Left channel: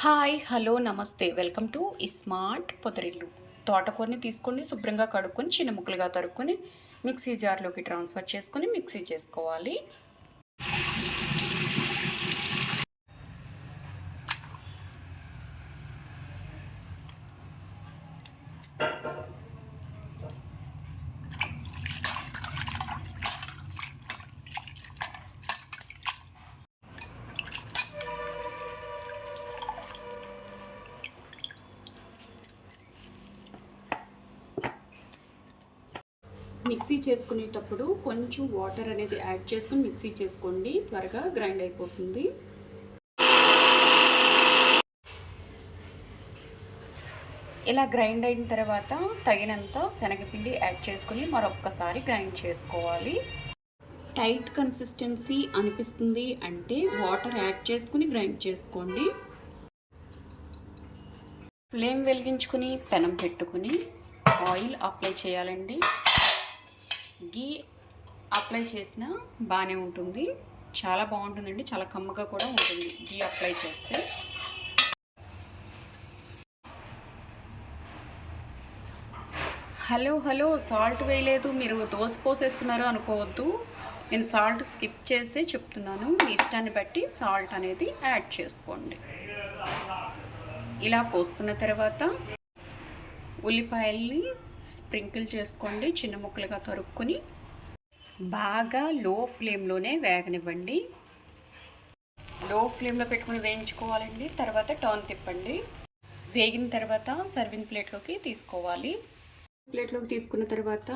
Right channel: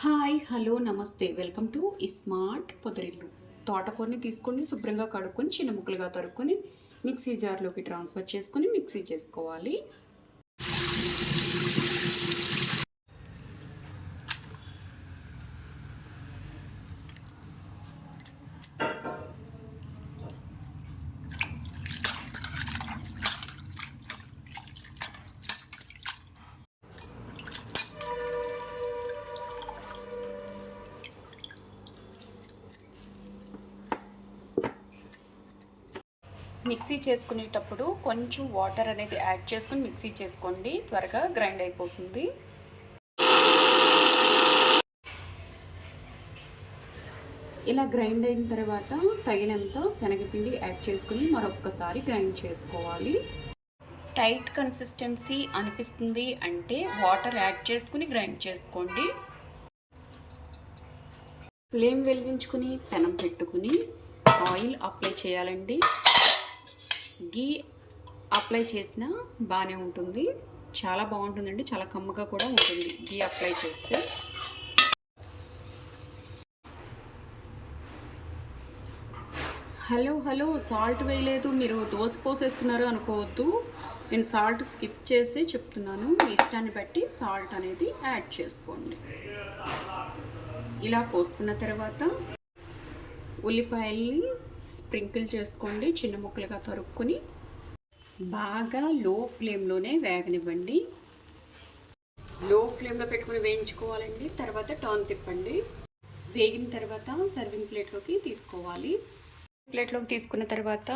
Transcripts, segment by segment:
Hi hello నమస్తే. Welcome to smart Podarillu. తోటకూరని తీసుకొని శుభ్రంగా కడుక్కొని చిన్న ముక్కలుగా తరుక్కొని మిక్సీ జార్లోకి ట్రాన్స్ఫర్ చేసుకొని మిక్సీ చేసుకోవాలి. మిక్సీ చేసుకునేటప్పుడు కొంచెం వాటర్ అనేది యాడ్ చేసుకుని మిక్సీ చేసుకోండి. త్వరగా గ్రైండ్ అయిపోతుంది. ఇలా గ్రైండ్ అయిన తర్వాత తగినంత శనగపిండి యాడ్ చేసుకుని మరొక్కసారి గ్రైండ్ చేసుకోవాలి. టైట్ కన్సిస్టెన్సీ అనిపిస్తుంది అంటే వాటర్ యాడ్ చేసుకుని గ్రైండ్ చేసుకోండి. ఫ్లేమ్ వెలిగించుకుని పెనం పెట్టుకుని ఆయిల్ అప్లై చేయాలండి. గీ అప్లై చేసినా బాగానే ఉంటుంది. చాలా బాగుంటుందండి. చాలా కమ్మగా కూడా ఉంటుంది గీ అప్లై చేస్తే. హలో హలో సాల్ట్ వేయలేదు. మీరు దోశ పోసేస్తున్నారు అనుకోవద్దు. నేను సాల్ట్ స్కిప్ చేసి చెప్తున్నాను. మీ ఇష్టాన్ని బట్టి సాల్ట్ అనేది యాడ్ చేసుకోండి. ఇలా పోసుకున్న తర్వాత ఉల్లిపాయల్ని స్ప్రింకిల్ చేసుకోండి చిన్న ముక్కలుగా తరుక్కుని బాగా లో ఫ్లేమ్లోనే వేగనివ్వండి. లో ఫ్లేమ్లో పెట్టుకుని వేయించుకోవాలండి తర్వాత టర్న్ తిప్పండి. వేగిన తర్వాత సర్వింగ్ ప్లేట్లోకి తీసుకోవాలి. ప్లేట్లోకి తీసుకున్న తర్వాత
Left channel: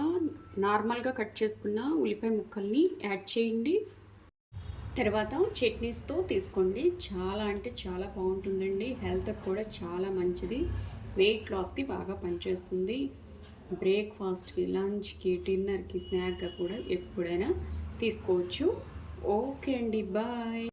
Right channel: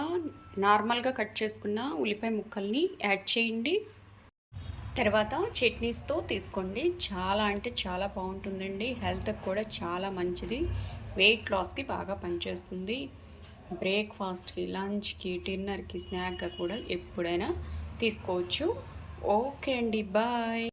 నార్మల్గా కట్ చేసుకున్న ఉల్లిపాయ ముక్కల్ని యాడ్ చేయండి. తర్వాత చట్నీస్తో తీసుకోండి చాలా అంటే చాలా బాగుంటుందండి. హెల్త్కి కూడా చాలా మంచిది. వెయిట్ లాస్కి బాగా పనిచేస్తుంది. బ్రేక్ఫాస్ట్కి లంచ్కి డిన్నర్కి స్నాక్గా కూడా ఎప్పుడైనా తీసుకోవచ్చు. ఓకే అండి బాయ్.